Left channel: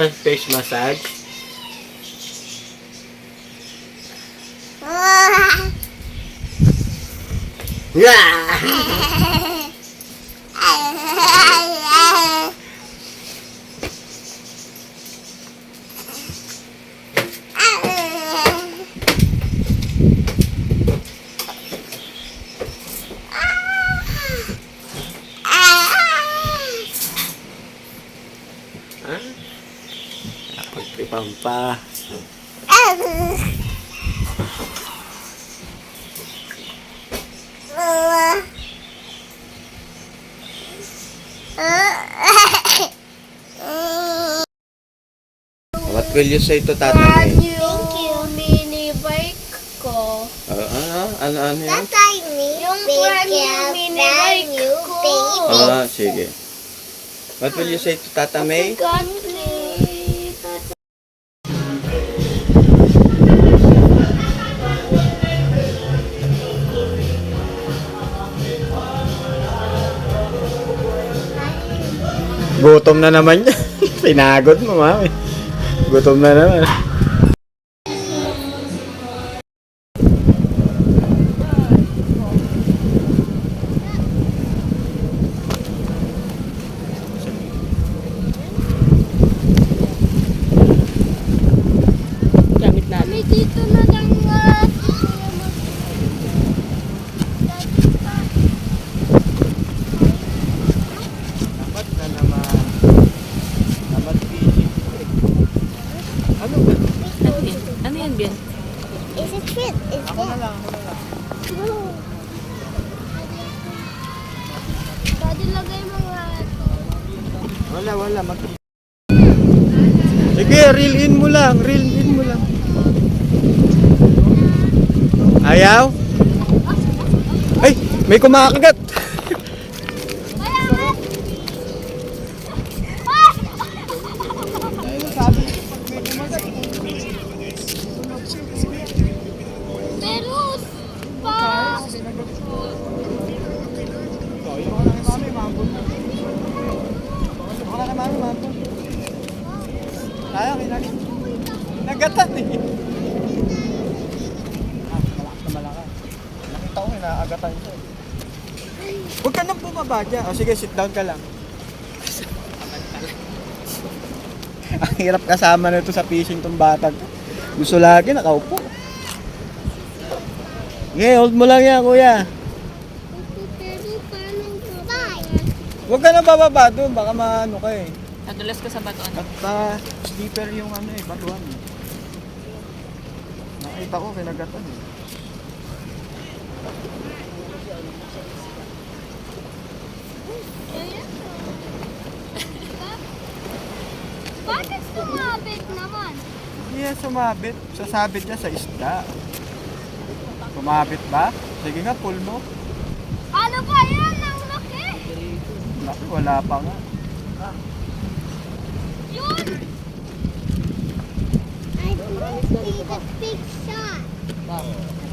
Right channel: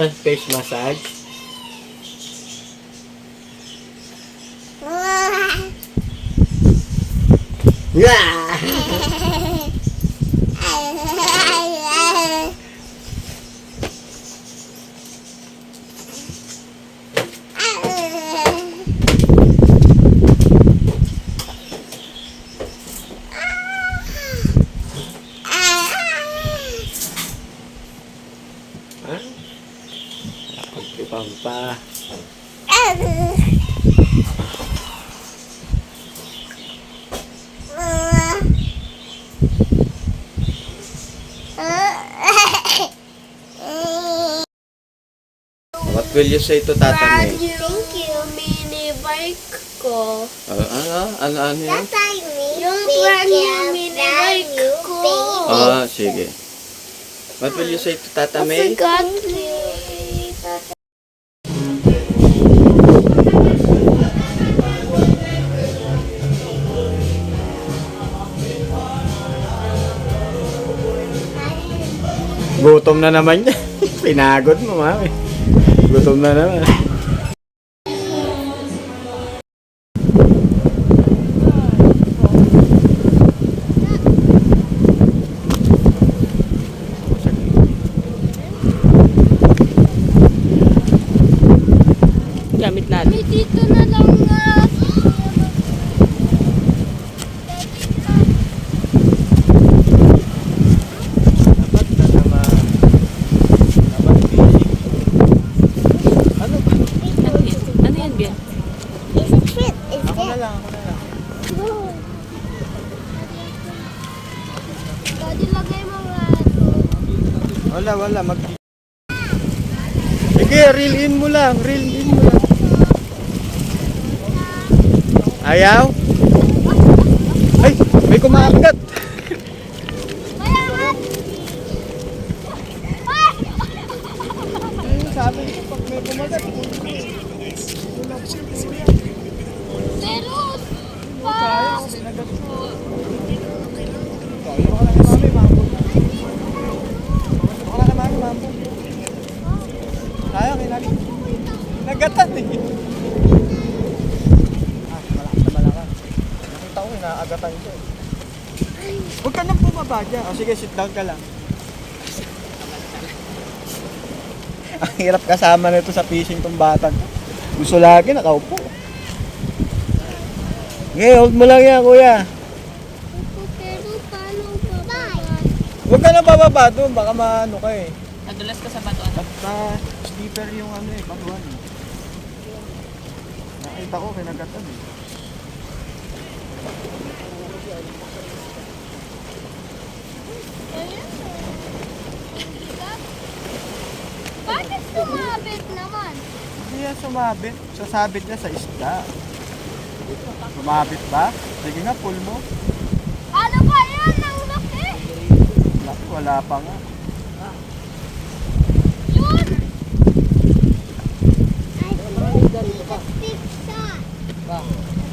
Face massage. Yeah! Pagtripan pa. What will you say to Tata May? Thank you, mini bike ko. Ano yan? Yung brand new mini bike ko. Sige. What will you say to Tata May? Gutom na naman niya. Pinagod mo, mami. Gutom na naman. Gamit natin. May dito na lang Ano yan, Bian? It's a treat, is it? Daddy, lagay mo nga ito. Wala. Sige, reel in mo lang. Ayaw? Ay, may kumakagat. Mayangat! Sabi ko, pag may kumagat, Pero, Kaya, kinagatan eh. Malakas na malakas. Nakita ko eh, naagatan siya eh. Huwag ka nang bumaba dyan. Sige, sit down ka lang. Ang hirap kasama nito sa fishing tong batang. Gusto lagi nakaupo. Okay, hold mo lang yan, kuya. pero paano ba? Huwag ka nang bababa doon, baka maano ka eh. Nadulas ka sa batuan. Basta deeper yung ano eh, batuan eh. Nakita ko, kinagatan eh. Ayan o. Bakit sumabit naman? Hindi yan sumabit. Sasabit niya sa isda. Sumabit ba? Sige nga, pull mo. Ano ba yan? Ang laki! Laki, wala pa nga. Yun! I think it's a big shot.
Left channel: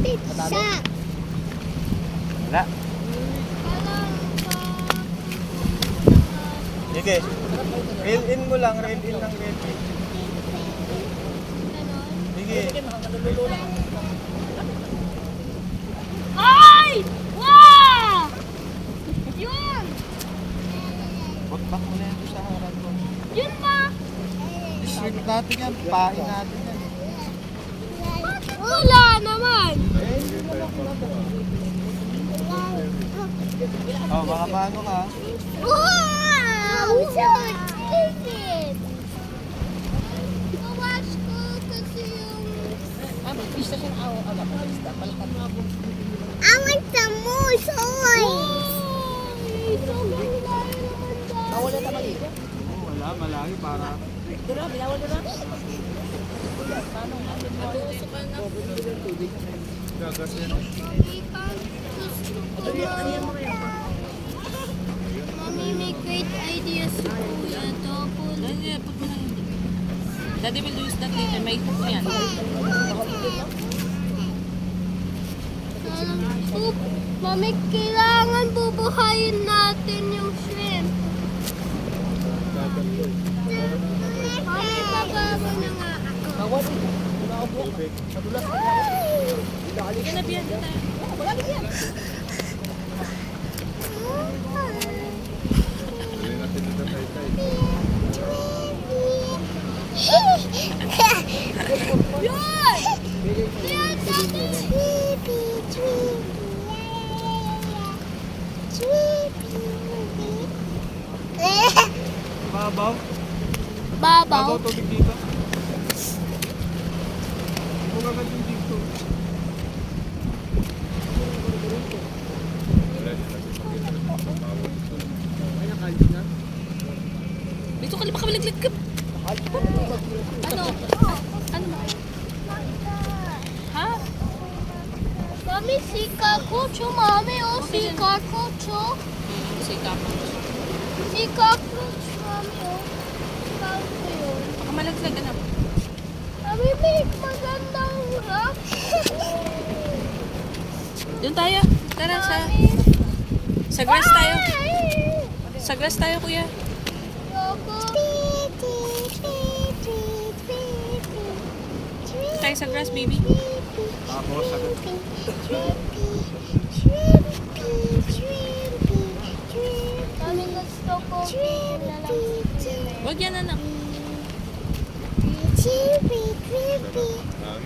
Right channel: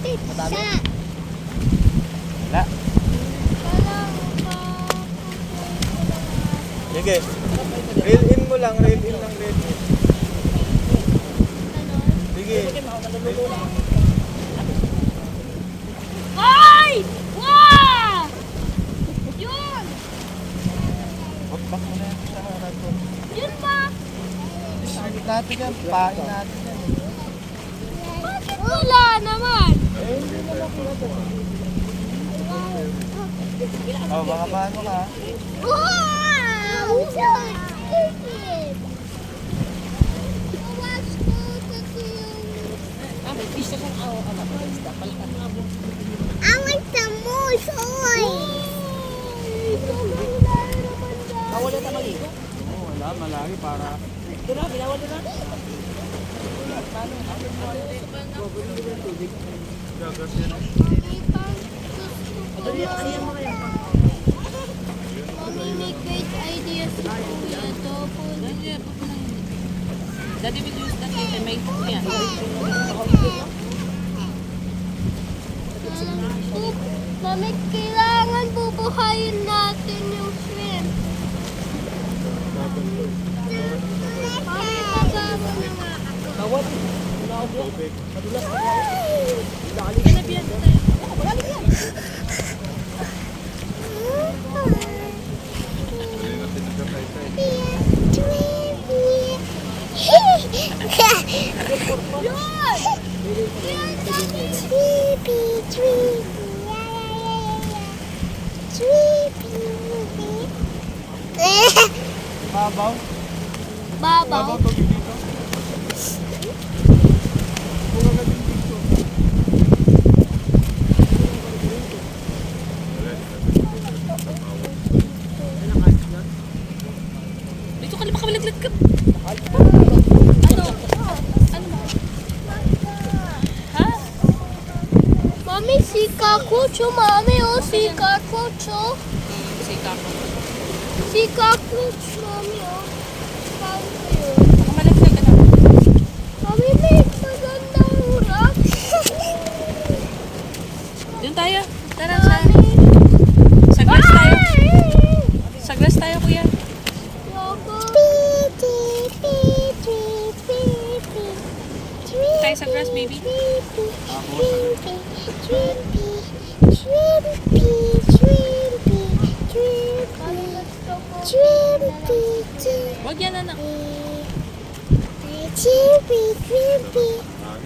Big shot. Wala. Sige. Reel in mo lang, reel in. Sige. Ay! Wow! Yun! Back mo na yan sa harap ko. Yun ba? Sagot natin yan, pain natin yan. Bakit wala naman? Eh, hindi mo makilala. Oh, baka paano ka? Wow! So excited! Mas ko kasi yung... May fish na siyang isda. Palkan mo. I like the moose! Oy! Bawal na maligo. Oo, wala, malaki para... Dura, binawal na ba? Mommy, may great ideas po ito po. Daddy will use that later. May ito yan. Mami, kailangan bubuhayin natin yung shrimp. Bawal. Naog yan. Madulas. Balik na yan. Balik yan. Babaw. Babaw Babaw. tubig dito. Bunga ka din dito. Dito ka baka malaglag ka. Ano? Ano mo? Ha? Mami, si Kakucho, mami, oh, si Kakucho. Si Kapo. Si Kakucho, mami, oh. Kakucho. Baka malaglag ka na. Mami, may magandang rock. Doon tayo. Tara sa glass tayo. Sa glass tayo, kuya. Tayo sa grass, baby. Ako sa Huwag yan, anak.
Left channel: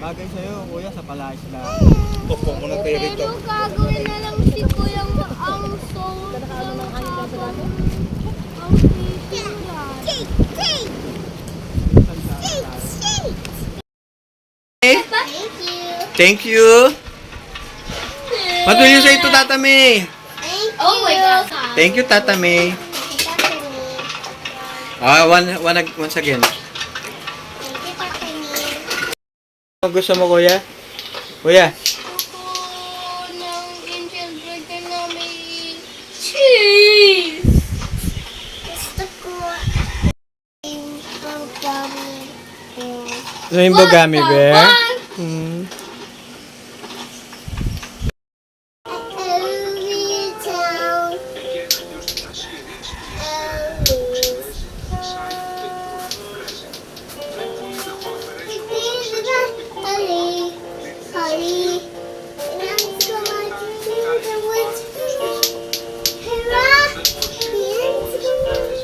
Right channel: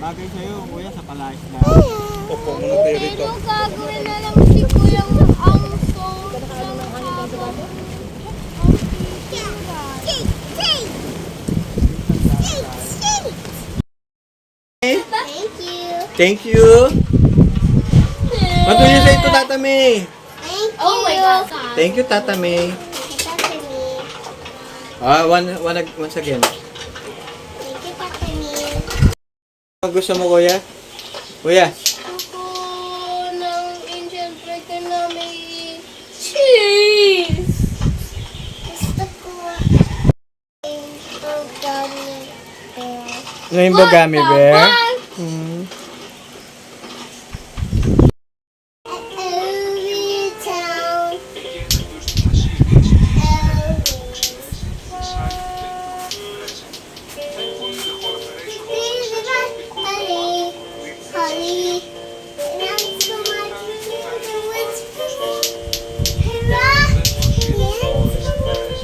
bagay sa'yo, kuya, sa palayas na. Pero gagawin na lang si Kuya ang soul ng habang ang titiran. Thank you. Thank you. What do you say to Tata May? Oh my God. Thank you, Tata May. Once again. Ano gusto mo, kuya? Kuya? Gusto ng angel burger na may cheese. Gusto ko ang gummy bear. Rainbow Gummy Bear? Hmm. Ellie Town. Ellie. Holly. And I'm so much to the woods. Hurrah! The end's so much.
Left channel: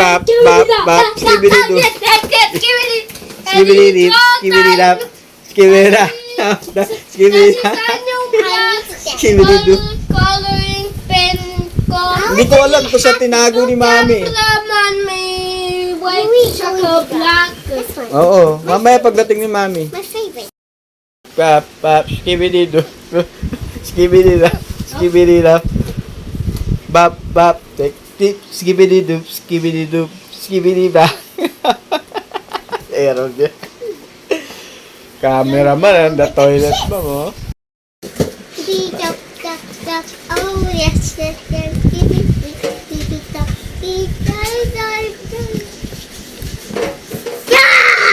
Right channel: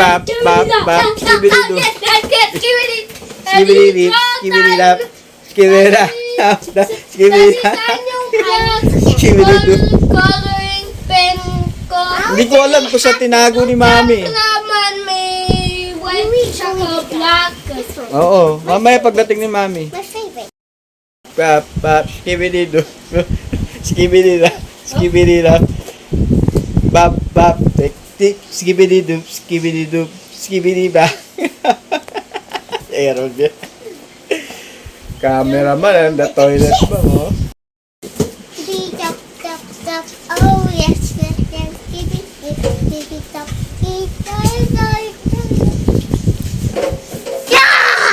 Bap, bap, bap, skibidi-doo. Skibidi-dip, skibidi-dap, skibidi-dap, skibidi-dap, skibidi-doo. Coloring pen ko. Hindi ko alam kung sa tinago ni Mami. Laman may white tsaka black. Oo, mamaya pagdating ni Mami. My favorite. Bap, bap, skibidi-doo. Skibidi-dap, skibidi-dap. Bap, bap, tik, tik, skibidi-doo, skibidi-doo, skibidi-dap. Aeron din. Cameraman, the toilet ba mo? Beep tap tap tap. Oh yes, yes, yes. Beep beep beep beep beep tap. Beep tap tap. Yeah!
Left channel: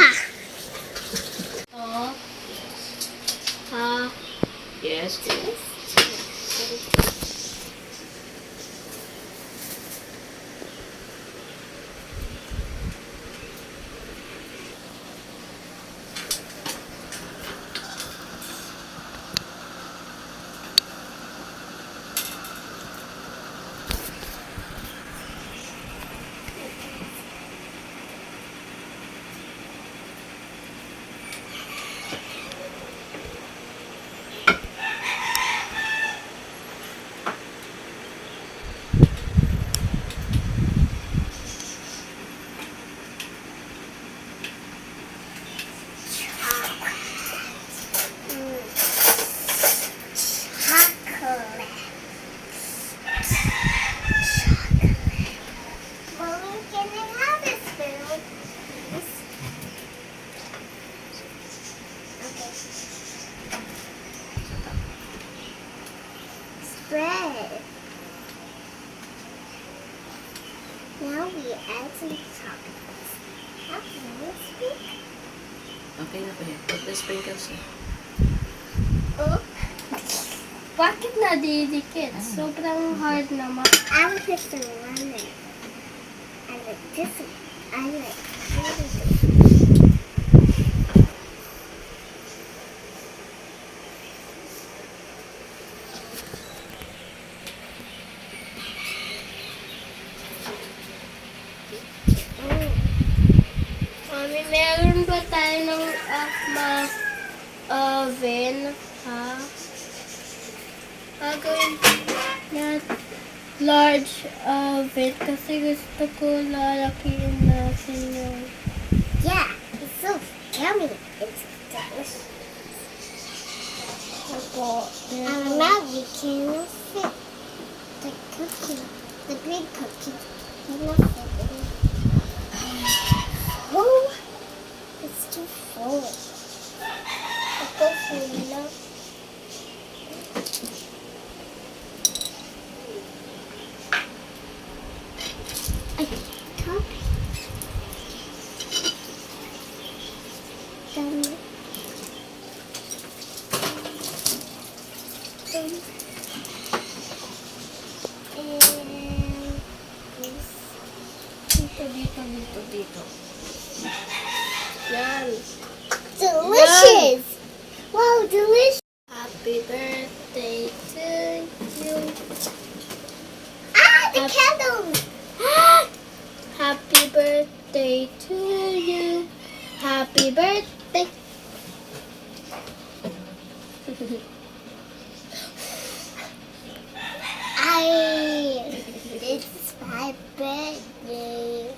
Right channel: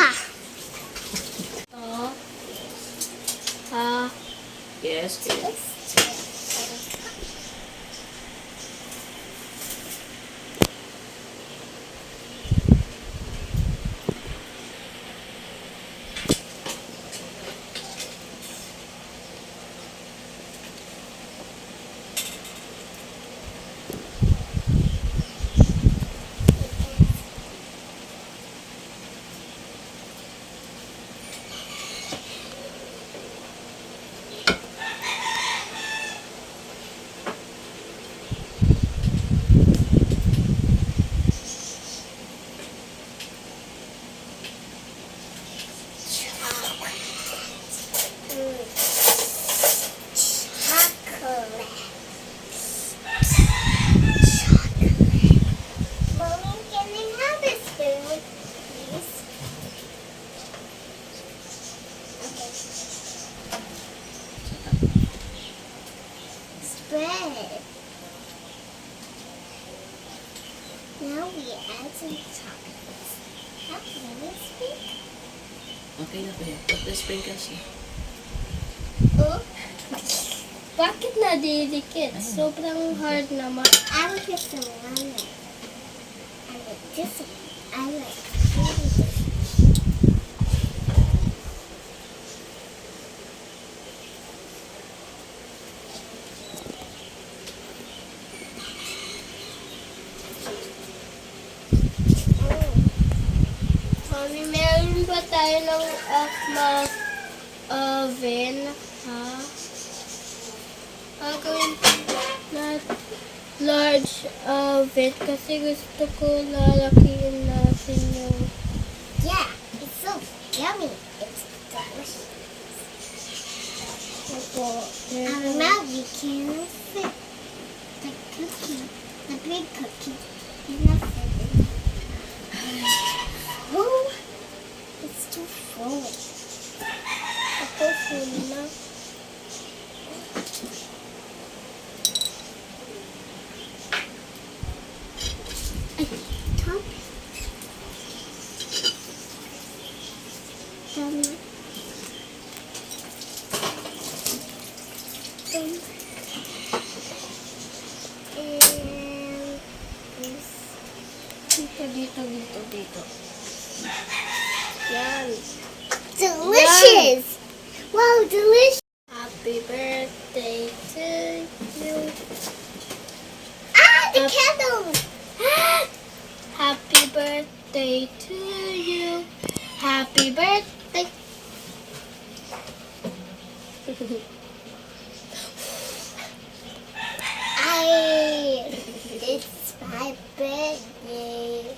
Now we add some chocolates. How can we speak? Okay na ba yan? Pag na-sprinkles na. Oh, Bakit nadidikit? Sobrang hard naman. I like this one. I like this one. I like this. Mami, meron ba tayo ng oven? Ha? Gagawin na large oven kasi gusto ko lalakiin natin yung Yeah, it's so yummy. It's delicious. ako. And now we can fit the cookie, the big cookie. You know, fit it. Oh, it's too full. Ako full na. Top. Done. And this. Dito. Yan. Delicious! Wow, delicious! Happy birthday to you. Ah, the candles! Happy birthday to you. Happy birthday. It's my birthday.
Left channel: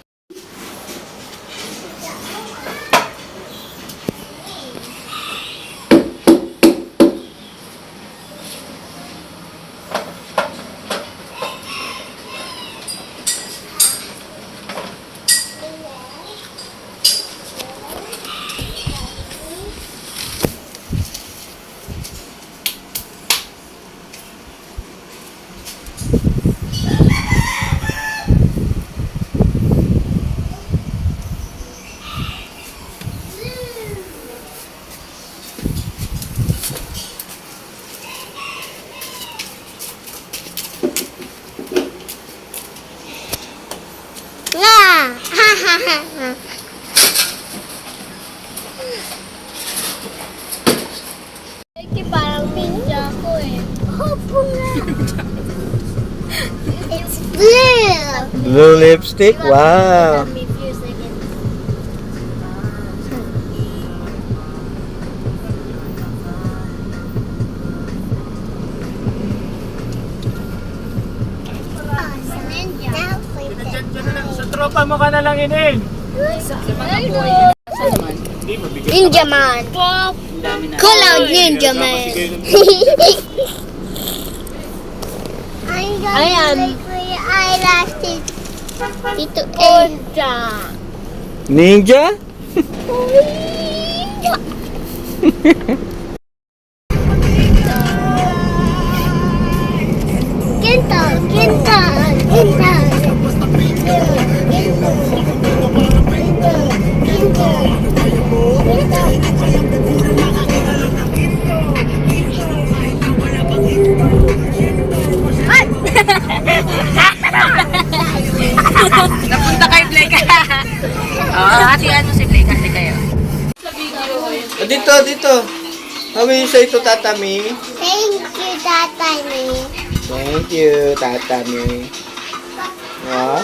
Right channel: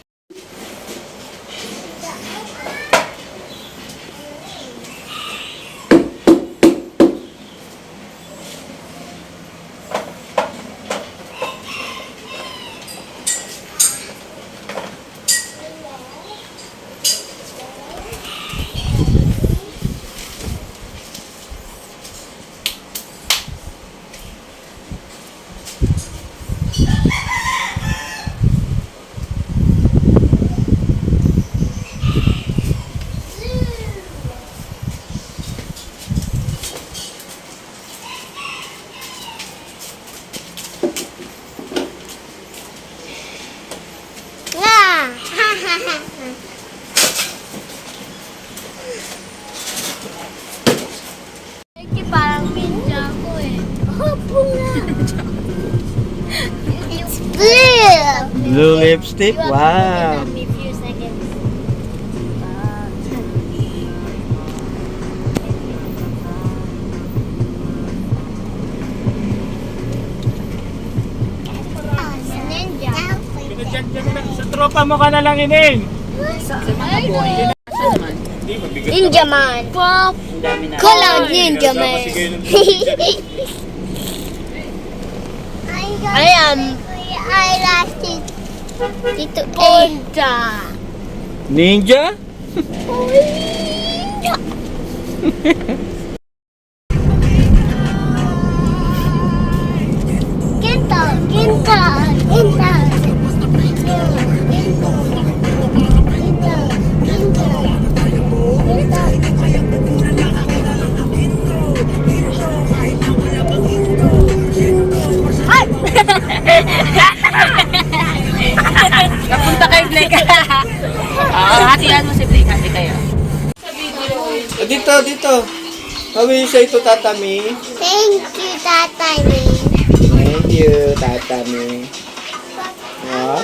Yeah! Ha ha ha ha! Eki, parang media ko eh. It's blue! Blue lipstick? Wow. Sa tropa mo ka na lang ining. Ninja Man! Call out Ninja Man! I am eyelashes. Dito Ninja. Ninja? Ninja. Ginta, ginta, ginta. Punta kay Blake. Hati-hati mo si Blake. Hati kayo. Dito. How will you say to Tatami? Thank you, Tatay. Thank you, Tatami. Ah,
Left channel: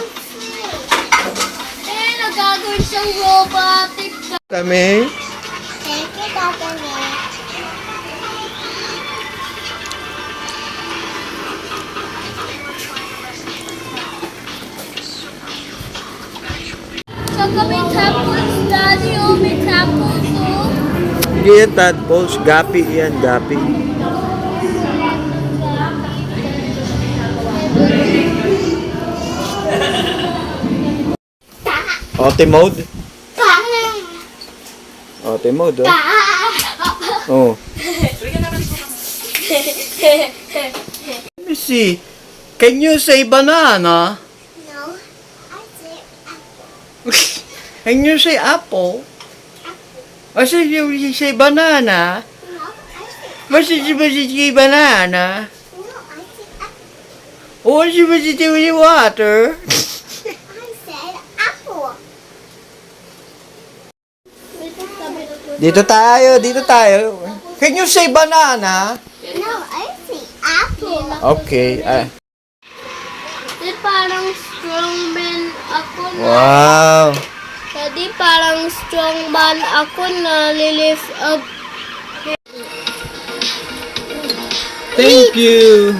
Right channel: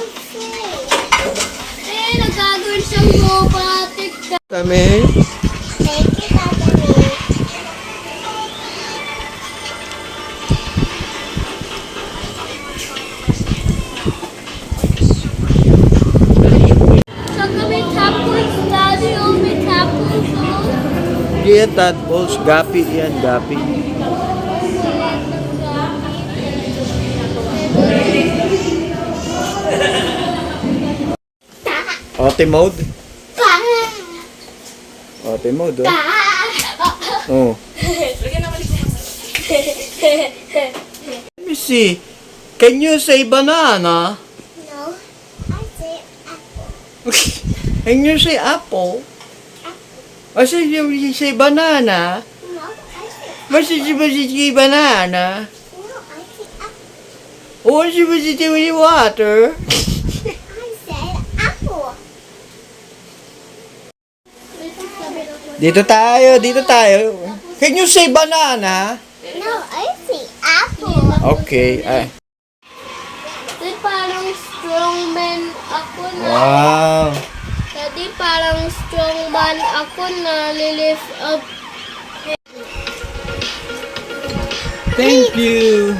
Nagagawin siyang robotic. Tatami. Thank you, Tatay. So kami tapos, Daddy, may tapos, oh. Hindi yan tadpoles. Gapi yan, gapi. Auto mode? Auto mode, oh. Oh. Let me see. Can you say banana? No, I And you say apple. I said you say banana. No, I said, What did you say banana? no, I said apple. What did you do with water? I said apple. Dito tayo. Can you say banana? No, I say apple. Okay. Di parang strongman ako na. Wow. Tadi parang strongman ako na lilift up. Thank you.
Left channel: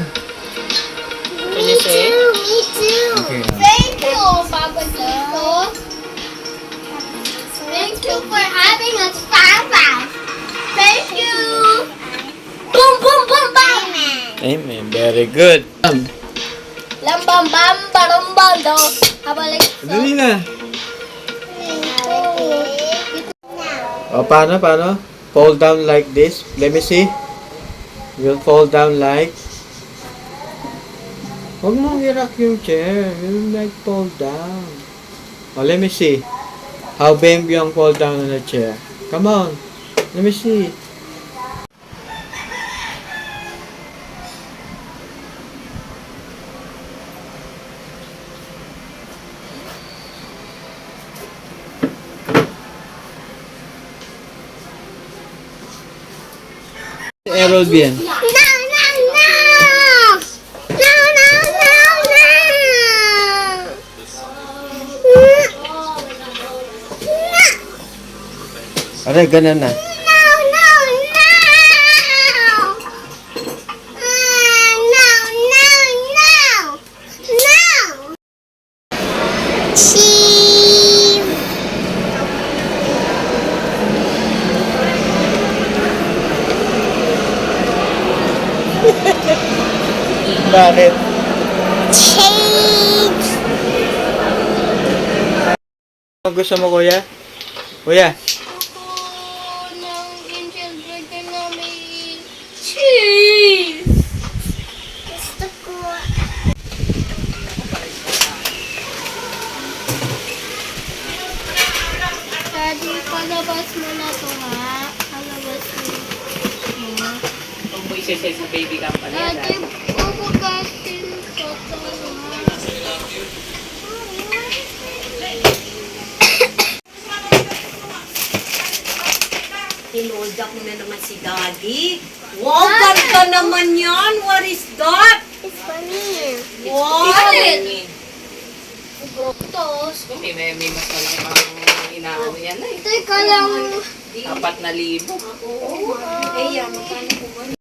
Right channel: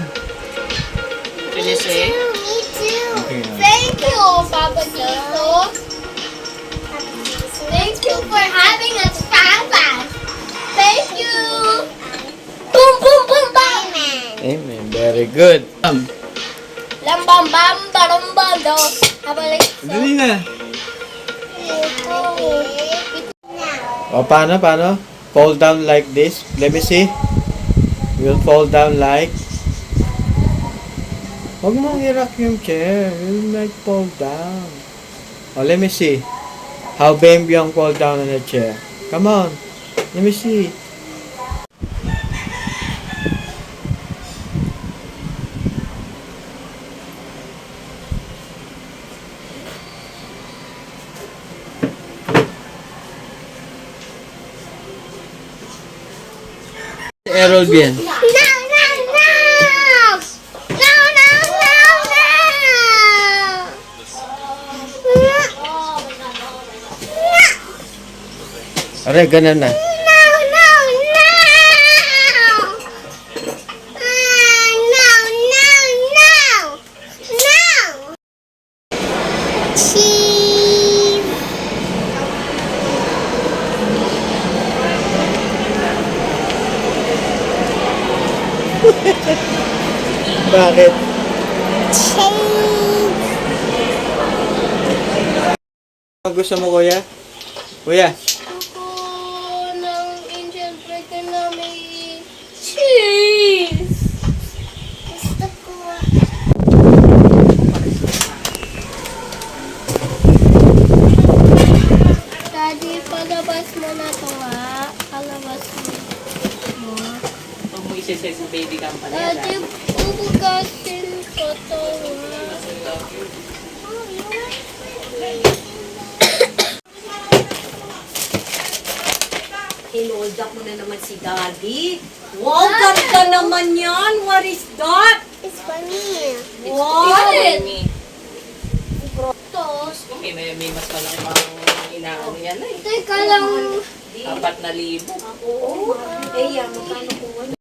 Can you say? Me too. Okay, Thank you, Papa Tito. Thank you for having us, Papa. Thank you. Boom, boom, boom, bam. Amen. Very good. Lam bam bam barong bando. Habalik. Dali na. Now, Paano? Fall down like this. Let me see. You'll fall down like. Huwag mong i-rock yung chair. You'll like fall down. Oh, let me see. How Bam Byung fall down on the chair. Come on. Let me see. Errol bien. no, no, no. No, no, no, no. Aray, ganun na. No, no, no. No, no, no. No. Cheese. Bakit? Cheese. Ang gusto mo, kuya? Kuya? Gusto ng angel burger na may cheese. Gusto ko. Daddy, palabas mo na to ha. Palabas mo. Kung mo isa-set sa baby company Daddy, ubugasin ko to ha. Tinold up mo na naman si Daddy. Wow, ganda naman yan. What is that? It's for me. Wow. Tos. May mas malaki pang inaano yan eh. Teka lang. 4,000. Eh, yan. Magkano po ba?